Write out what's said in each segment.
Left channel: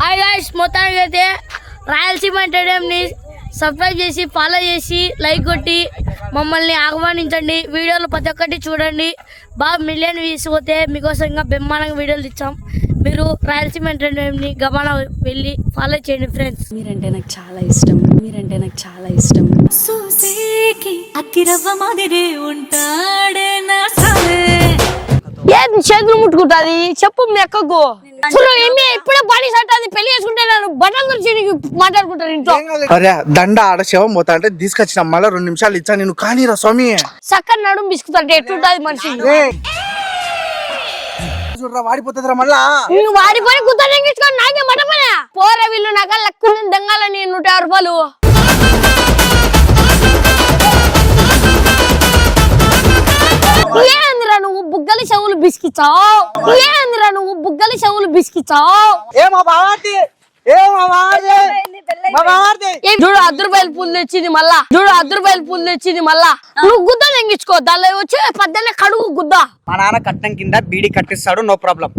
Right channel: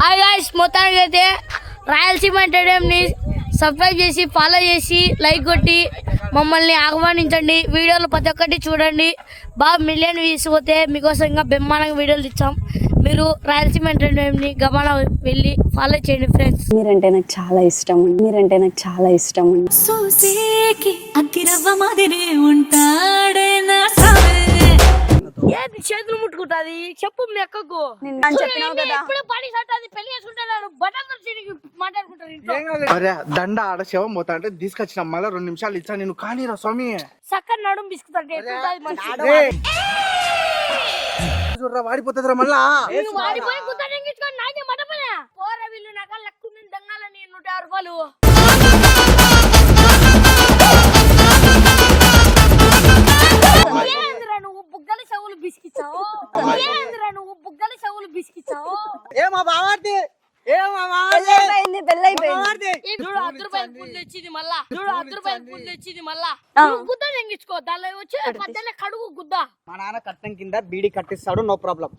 Hi guys, మొత్తానికి అయితే Rayalaseema ఎంటర్టైన్మెంట్ని subscribe చేసి ఫాలో చేసి లైక్ కొట్టి మమ్మల్ని ఆహ్వానించండి. వీడియోలు ప్రతి ఒక్కటి చూడండి. బాగా మిలియన్ వ్యూస్ పోతే మీకోసం ఇంకా బ్రహ్మాండంగా వీడియోలు ఇచ్చాం. మీరు రాయలసీమ ఎంటర్టైన్మెంట్ని గమనం వెళ్ళి ఫాలో చేయండి ఫ్రెండ్స్. మీరంటే నాకు చాలా ఇష్టం. సూసేకి అగ్గిరవ్వ మాదిరే ఉంటాడే నా సావే. ఏది చేతులు ముట్టుకుంటుంది చెప్పు మీ అక్కకు. ఇప్పుడే బాడీ సెట్ అది పెళ్లి చేసుకుంటే నేను బట్టలు గురించి మాట్లాడుకుంటాను ఇంట్లో. అరే దండ ఆడ శవం పోతా అంటే తీసుకొచ్చిన మళ్ళీ 2 నిమిషాలు ఇచ్చా నేను కానీరా స్వామి. చక్కని నడుము బిసుకుతుంటే ఎట్లుంటది మనిషి. చూడరా వాడిపోతుందిరా మళ్ళా. నువ్వు వాడిపోయి కుత్తాను నాకే మటపనా పోరా వీళ్ళు నాకు లక్కుని దెంగాలని 150 రూపాయలు. ఏందిరా నువ్వు బుగ్గలి చెవులు బిస్కిచ్చావు. చూడు 10 రూపాయలు పూలు తెచ్చింది మళ్ళా. నువ్వు గుద్ద తెంగించుకో దానిలో వచ్చి 18 కడుగు గుద్ద. మా నాన్న కట్నం కింద బీడీ కట్టిస్తాడు నో ప్రాబ్లం.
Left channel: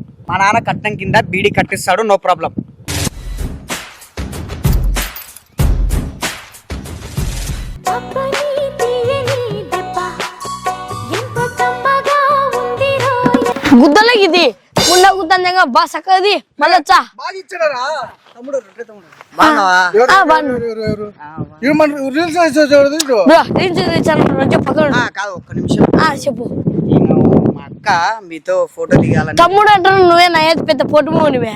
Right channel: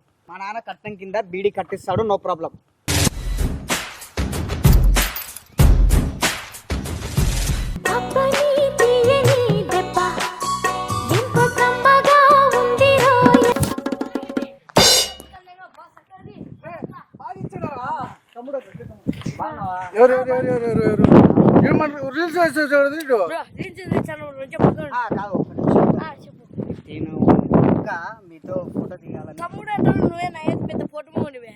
గుద్దలే ఇది ముండ గుద్దంగా బా సక్కది మళ్ళొచ్చా. చెప్పు మీతో ఫోటో దిగాలని. తమ్ముడు అంటాను నువ్వే నా ఏది పెద్ద పొట్టుమోనివే.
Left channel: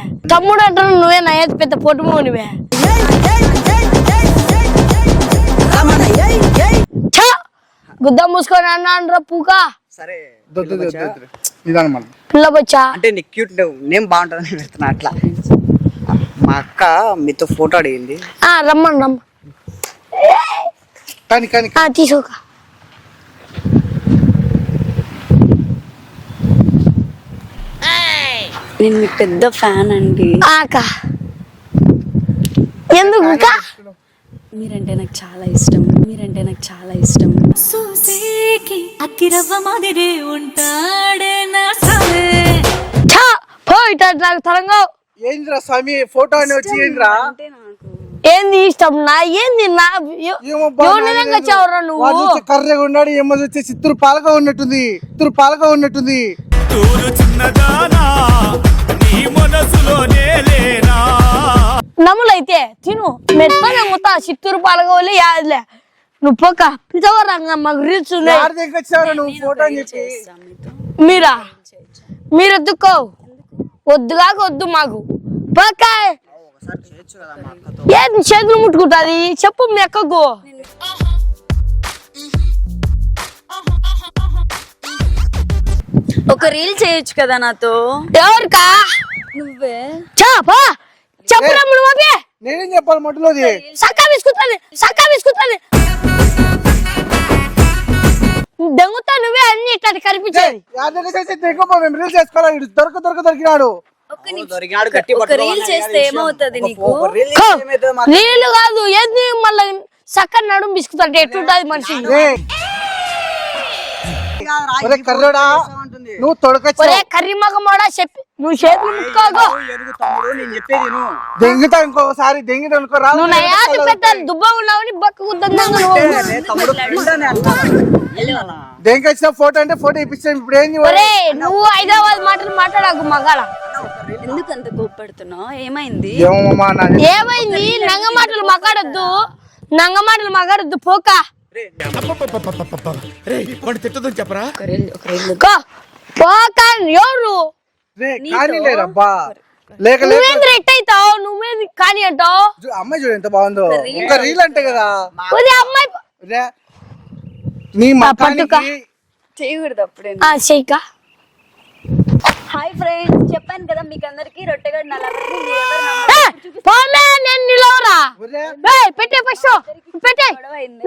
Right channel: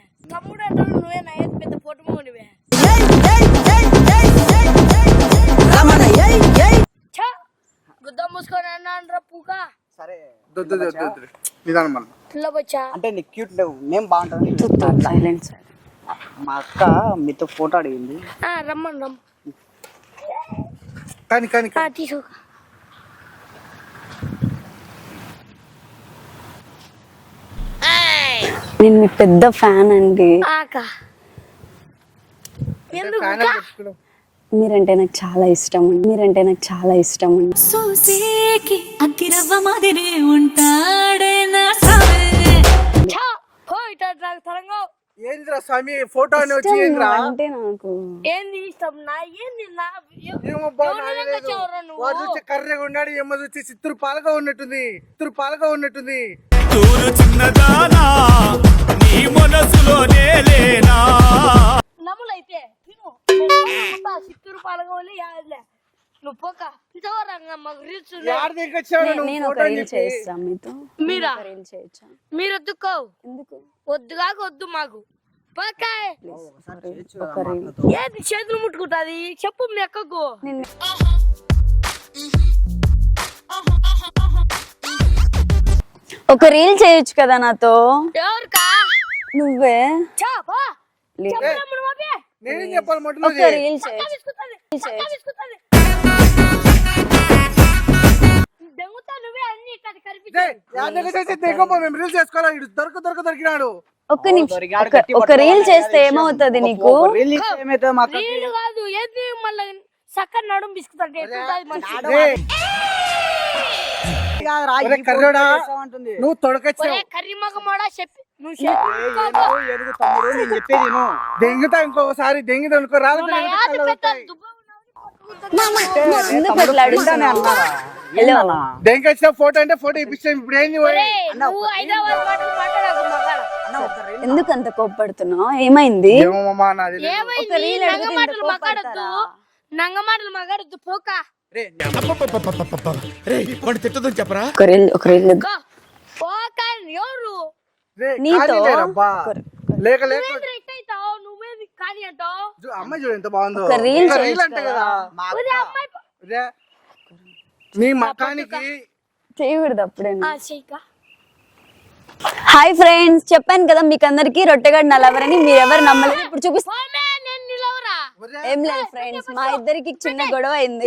గుద్ద మూసుకొని అన్నా పూకా. సరే పిల్ల బచ్చా అంటే నీ క్యూట్ నేమ్ బాగుంటుంది అట్లా. మా అక్క మీతో ఫోటో అడిగింది. రమ్మని తీసుకోక. నేను మీకు పెద్ద ఫ్యాన్ అండి. ఎందుకు మీరంటే నాకు చాలా ఇష్టం. సూసేకి అగ్గిరవ్వ మాదిరే ఉంటాడే నా సావే. నాకు తరంగా ఏంద్రా స్వామి ఫోటో వచ్చి అంటే నాకు ఏంది ఇష్టం నా ఏంది నా ఎవరు నువ్వు. కర్రెగా ఉన్నాడు ఏమో వచ్చి చిత్తూరు పాలక ఉన్నట్టుంది. తూరు చిన్నదానా నీ మనసులోనే లేనా. నమ్ములైతే తిను మెత్తగా మొత్తం చిత్తూరు పాలకోలే యాదలే. నువ్వు పోక పిచ్చవరంగా మాకు రీల్స్ ఉన్నాయి. నేను ఒక రీల్ చేస్తా మీతో. మీరు ఎత్తుకో వద్దు మాకు పోక. ఏంది చేతులు ముట్టుకుంటుంది చెప్పు మీ అక్కకు. ఒక రీల్ చేయొచ్చు కదా నాతో. ఎవరికా నువ్వే చెప్పా చెప్పరా నేనేం చెప్పాలి మొట్టలో సక్కా బిస్కుతాను దొంగతా నువ్వే అన్ని ఇట్లా కనిపించేది. దొరికినాడు. ఒక్క నిమిషం ఒక రీల్ చేస్తే ఏమవుతుంది నీకు. నీళ్ళు కాదు ఏంది మళ్ళీ సక్కని నడుము బిస్కుతుంటే ఎట్లుంటది మనిషి. నువ్వు తొడకొచ్చే కర్రీ మగ మోడా చెప్పి నువ్వు దెంగుతా ఇంకోసారి దెంగితే నువ్వు నయాది పెట్టాలి దుబ్బ ఉన్నావని బక్క దెంగొచ్చిన ఫోటో అంటే ఫోటో ఇప్పించాను. ఇప్పుడు ఏంది నువ్వు హైదరాబాద్ మాటలు మాట్లాడకు మగాడ. ఎందుకు అంత కోప్పడుతున్నావు. ఏమైంది నంగ మాటలు మాట్లాడొద్దు పోక. చెప్పరా ఒక రీల్ పోక ఎవరు నువ్వేంద్ర ఎట్ అవుతావు నువ్వేంది కానీ అంటావు. అమ్మాయి చూడు ఎంత బాగుందో. రీల్ అంటే కదా అమ్మాయి చేయకూడదు అప్పుడే. చెయ్యక. హాయ్ ఫ్రెండ్స్, చెప్పాను కదా మీకు అందరికి రొట్టెగాడు నా లవర్ అని. మీరు ఎవరు నమ్మలేదు. గొడవ అయింది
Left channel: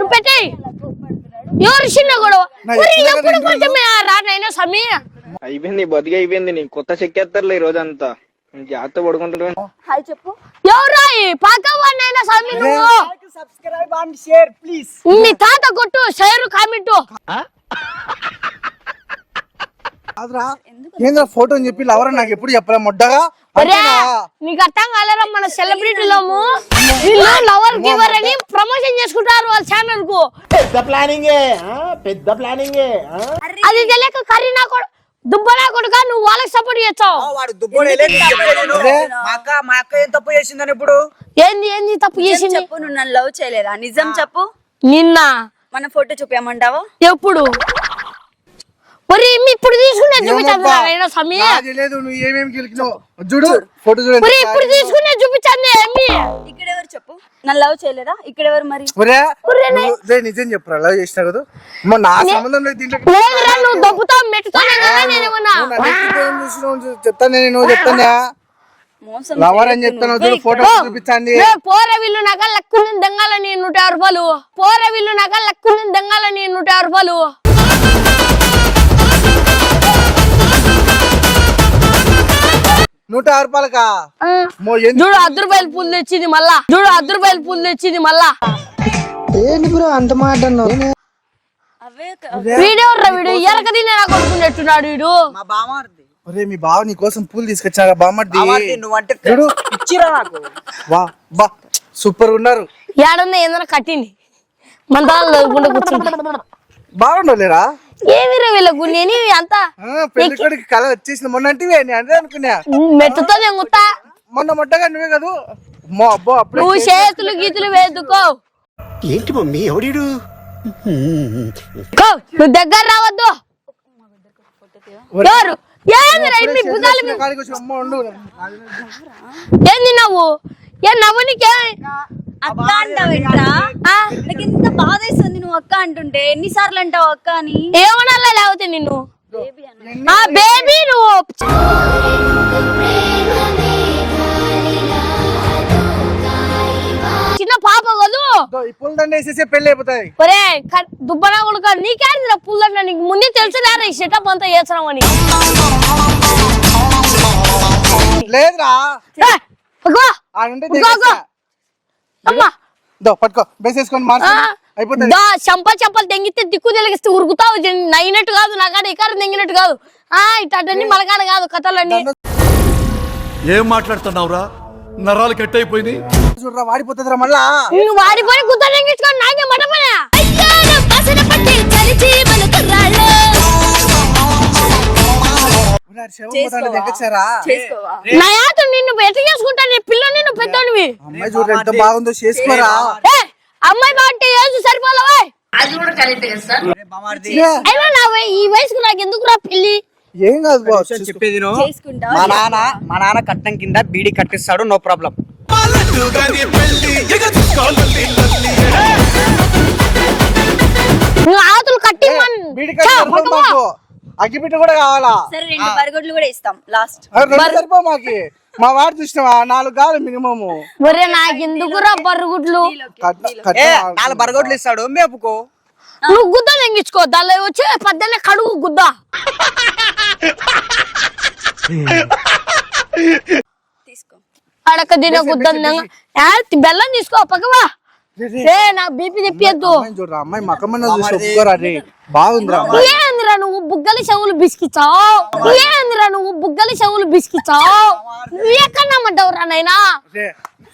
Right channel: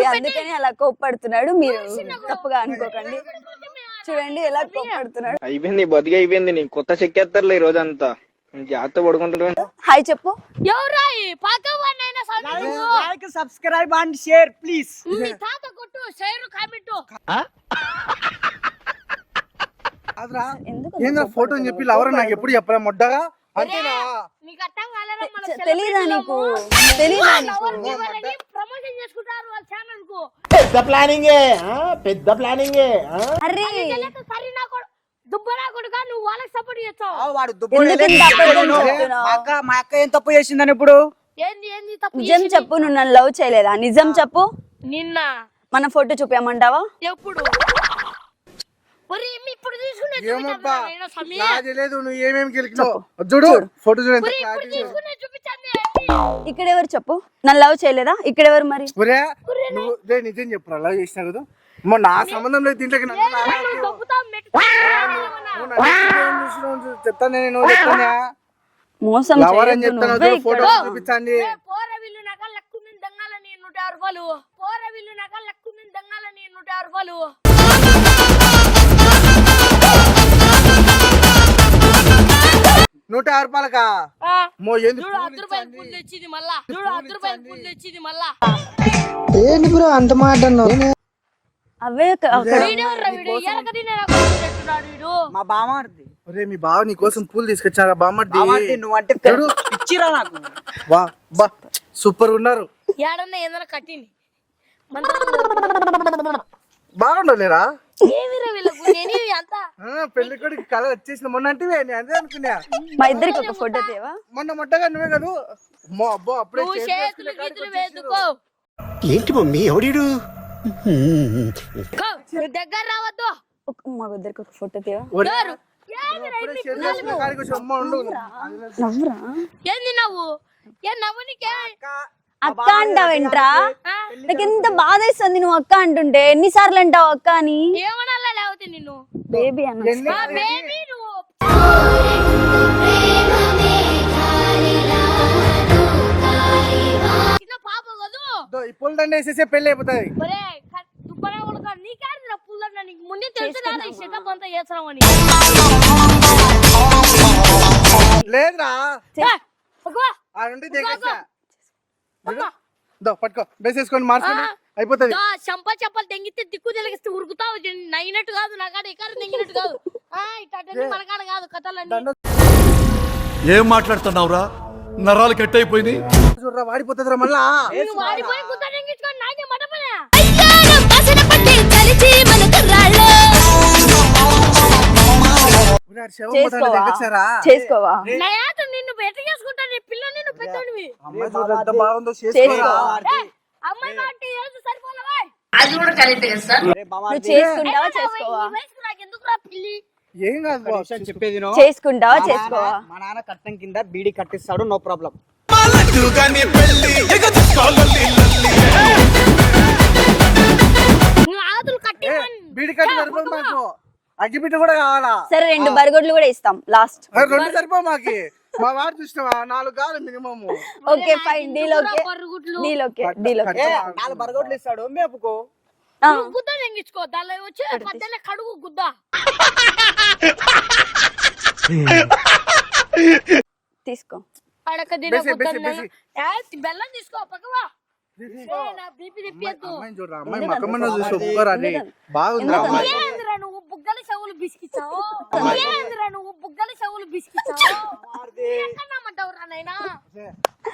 అలా కోప్పడుతున్నాడు. అయిపోయింది బతికి అయిపోయింది. నీ కొత్త చెక్కేస్తారులే ఈ రోజంతా జాగ్రత్త పడుకుంటున్నాను. హాయ్ చెప్పు. Subscribe and share please. మీ తాత కొట్టు షేర్ కామెంట్. ఏంద్రా ఫోటో అని చెప్పి లవర్ నాకు ఎప్పుడు చెప్పలే మొడ్డగా ఒరే నీకు అర్థం కాలేరా మన సెలబ్రిటీలము లవర్ గివర్ అని ప్రమోషన్ చేసుకుంటారు వాళ్ళ ఛానల్ కు పెద్ద ప్లానింగ్ అది తెలియక కరీనా దుబ్బనా కొడుక నువ్వు వాళ్ళకి సపోర్ట్ చేస్తావు వాడు దుబ్బోడు మా అక్క ఏం తప్పు చేసిందని ఇప్పుడు ఏంది తప్పు నిజం చేసి చెప్పు, నువ్వు నన్ను లవ్ చేయలేదా? నిజం చెప్పు. నిన్న మన ఫోటో చూపించమంటావా? ఎప్పుడు మరి ఇప్పుడు తీసుకునే చూపించాను సమయ లేదు నువ్వు ఏమేమి గెలిచినావు చూడు ఫోటో చూడు మరి ఇప్పుడు తీసుకునే చూపించాను ఏమి ఇక్కడ ఎవరు చెప్పు? నన్ను లవ్ చేయలేదా? ఇక్కడ ఎవరు మరి? నిజం చెప్పరా లవ్ చేసినా కదా నా సంబంధం లేదు దీంట్లో లేదురా, నువ్వు దొబ్బుతావు మెట్టుతావు నేనేమన్నా చెప్తాను నేను చెప్తానా మోసం లవర్ అని చేయొద్దు చెప్తాను నువ్వే ఫోటో ఇక్కడ. చూపించండి పోర విల్లు నగ లక్కుని దెంగాలని 150 రూపాయలు పోర విల్లు నగ లక్కుని దెంగాలని 150 రూపాయలు 150 రూపాయలకా చూడు 10 రూపాయలు పూలు తెచ్చింది మళ్ళా ఏంటి బ్రో అంత మాట అవే వీడియో వీడు ఎరక తినే నాకు వస్తున్నట్టున్నాడు వీడు మా బామార్ది ఒరే మీ బావ నీ కోసం పూలు తీసుకొచ్చారా బామ్మర్ది నువ్వంటే ఇచ్చిరా నాకు వా బా సూపర్ ఉన్నారు ఏడన్నా ఏదైనా కట్టింది మన దాని బాగుండలేరా ఏమిరా వీళ్ళకు నేను అంతా పెళ్లి కొడుకు కళ వచ్చేసిన మొన్న అంటే అదే అనుకున్నా మెట్టుతో తెంగుతా మొన్న మొట్టగా నువ్వే కదా అబ్బో అప్పుడే నువ్వు చేతులు గీతులు వేదుకో ఏంటి మమ్మీ ఎవడీడు నువ్వు దగ్గర రావద్దు మా ఇద్దరికి ఒక ఫోటో తీవా? ఎవరు ఏందిరా ఇన్ని భుజాలు మీ- కాడికి వచ్చి అమ్మ ఉండు నవ్వురా. ఏంది నవ్వు ఏ నవ్వు నీకే అక్క అంటావేంట్రా? నాకు ఎంత బాధ ఇస్తుంది నువ్వు అక్క అంటుంటే. ఎన్నిసార్లు అంటావు అక్క అని? ఏమనాలా లేకపోతే నిన్ను బేబీ అన్న. ఆ బేబీ నువ్వు చిన్న పాప కదూ ఈ పూల దండ వేసేసే పెళ్లి అయిపోతాయి ఒరే దుబ్బనా కొడుక నీకేందిరా పుల్లన్న నీకు ముందే తెలుసు లేరా ఈ సెటప్ అంతా చేస్తున్నామని లేదురా పట్టుకో ఆడుంటే ఉరుకో. అమ్మా పట్టుకో బేసేసుకొని మార్చి అయిపోతుంది చంపలు తెంగితే దిక్కు తెలిగిస్తే ఉరుకుతావు నైనట్టు కాదు నా కాడ ఇకారం తెంగినట్టు కాదు ఇటన్నీ మలకాడ కాదు కథలన్నీ ఏం మాట్లాడుతున్నావురా నరాలు కట్ అయిపోయింది చూడరా వాడిపోతుందిరా మళ్ళా నువ్వు వాడిపోయి గుద్ద తెంగించుకొని నాకే మటపనే చేసుకోవా? చేసుకోవా? నా యాత నిన్ను ఎట్లా చేసుకుంటా నీ పిల్ల నిన్ను పెద్దోనివి అమ్మాయి చూడు ఎంత బాగుందో చేసుకోరా అమ్మాయి బాగుంటే ఏజ్ సరిపోలవా అయినా ఈ వయసుకు నాకు ఎందుకురా పెళ్లి ఏం కాదు బాస్ చెప్పేది చేసుకుంటా? మా నాన్న కట్నం కింద బీడీ కట్టిస్తాడు నో ప్రాబ్లం నువ్వు ఆతులు కట్టి అగ్గిపెట్ట కూడా కావాలా సరే 2 బరగొడ్లు కూడా ఇస్తాం లాస్ట్. సరిపో మాకి మా వాడు చూసినావా 4 కావాలి మినిమం ఒరే నాకు ఎందుకురా బర్రుగుడ్లు నాలుగు బరగొడ్లు ఇస్తాడు మేపుకో నువ్వు గుద్ద తెంగించుకో దానిలో వచ్చి పద్దెన్న కడుగు గుద్ద తీసుకో. అడక తిన గుద్ద బెల్లం తీసుకో పక్కవా నా బీపీ తెప్పియద్దు చూడరా అమ్మాయి మకమన్న చూసి ఒప్పుకోరా రే బాగుందిరా ఏందిరా నువ్వు బుగ్గలి చెవులు బిస్కిచ్చావు ఏందిరా నువ్వు బుగ్గలి చెవులు బిస్కిచ్చావు నువ్వు ఎక్కడ నమ్మడ్డావురా నాయనా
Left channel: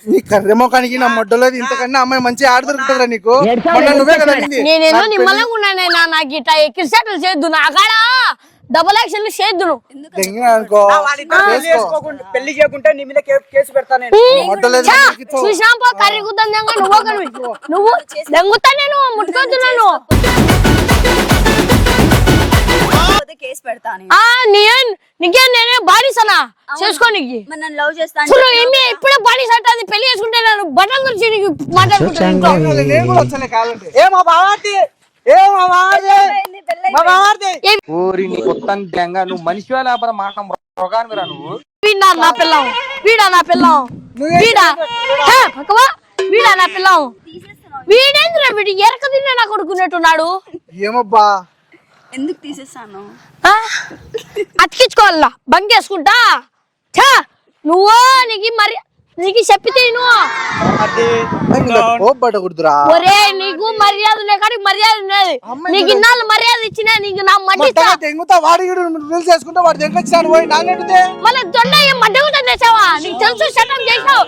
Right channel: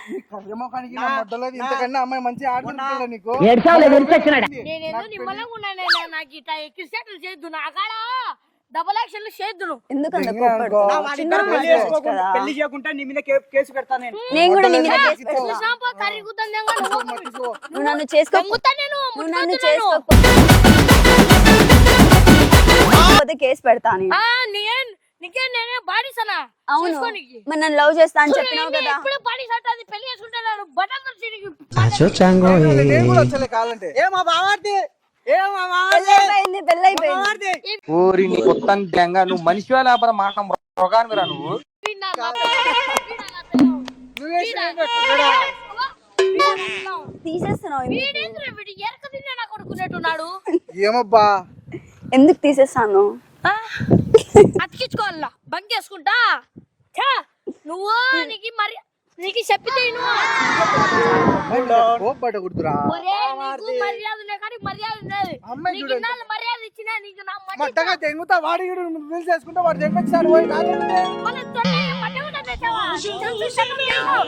నీ కర్రెమోకానికి నా మొట్టలేదు ఇంతకన్నా అమ్మాయి మంచి ఆడుతుంటారా నీకు నేనేదో నిమ్మలంగా ఉన్నానైనా నాకు ఇట్లా ఎక్కిరిసేటలు చేద్దు నా కాడ డబుల్ యాక్షన్ చేద్దు పెళ్లి చేయకుంటే నీ మీద కేసు పెడతా నేను చూసినా కర్రీ గుద్దాం నువ్వు దెంగుతా నేను ముట్టుకుంటున్నాను కేసు పెడతాను. నీకేం నేనే బానిసనా చేసుకోనికి మరి నన్ను లవ్ చేస్తా అంటే చూడు ఏమి ఇప్పుడే బానిస అంటుంది పెళ్లి చేసుకుంటే నన్ను బట్టల గురించి నీకు కావాలంటే ఏ మా బావార్ది ఏ మా బావార్ది ఊరి నీ కొత్త గంగా నువ్వు మనిషి లేకపోతే మాట రోగాన్ని రా నువ్వు వీడా నా పిల్లం వీడా నా పిల్లం వీడా వీడా నా పిల్లం తీసేస్తున్నావు. వీడేంద్ర వీడు ఎరక తిన్నా నా కొడుకున్నట్టున్నాడు ఏమబ్బా ఎందుకు తీసేస్తాను? అతికించుకోవాలా బంకేసుకుంటా నువ్వు నీకు మరి నీకు చెప్పితే కోపడకూడదురా. ఒరే నీకు మర్యాద ఉన్నాయి కానీ మర్యాద ఉన్నది. నీకు ఇన్నాళ్ళు మర్యాద ఇచ్చినా నీకు నా మడ్డిస్తా. తెంగుతా వాడు రీల్స్ చేసుకుంటా వాడు తెంగొచ్చినాడు పోయి నాన్నెడితే మళ్ళీ దొండ మడ్డగుతా తెచ్చావా? నీకు తెలుసు శతం చేసావు.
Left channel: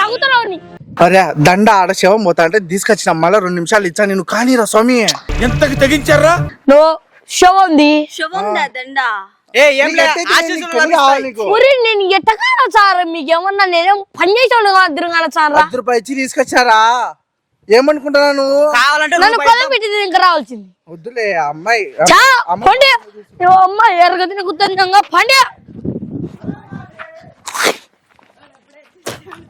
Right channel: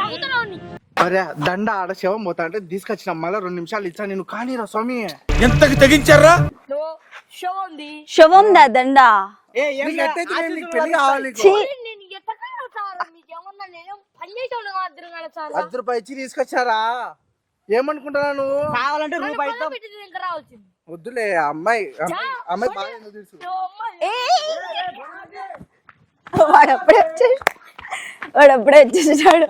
నవ్వుతున్నావు నీ. అరే దండ ఆడ శవం పోతా అంటే తీసుకొచ్చిన మళ్ళీ 2 నిమిషాలు ఇచ్చా నేను కానీరా స్వామి. ఎంతకి తెగించారా? నువ్వు శవంది శవం దా దండ. నేను ఎట్టకాల సార్ మీకు ఏమన్నా నేనేం పని చేసాను అద్దరుగాల సార్. 10 రూపాయలు ఇచ్చి తీసుకొచ్చారా? ఏమనుకుంటున్నా నువ్వు? నన్ను కొలం పెట్టి ఇంకా రావాల్సింది. వద్దులే అమ్మాయి పండి అమ్మాయి ఎరగతి గుర్తుండగా పండి. వాడు అప్పుడే వచ్చేసాడు.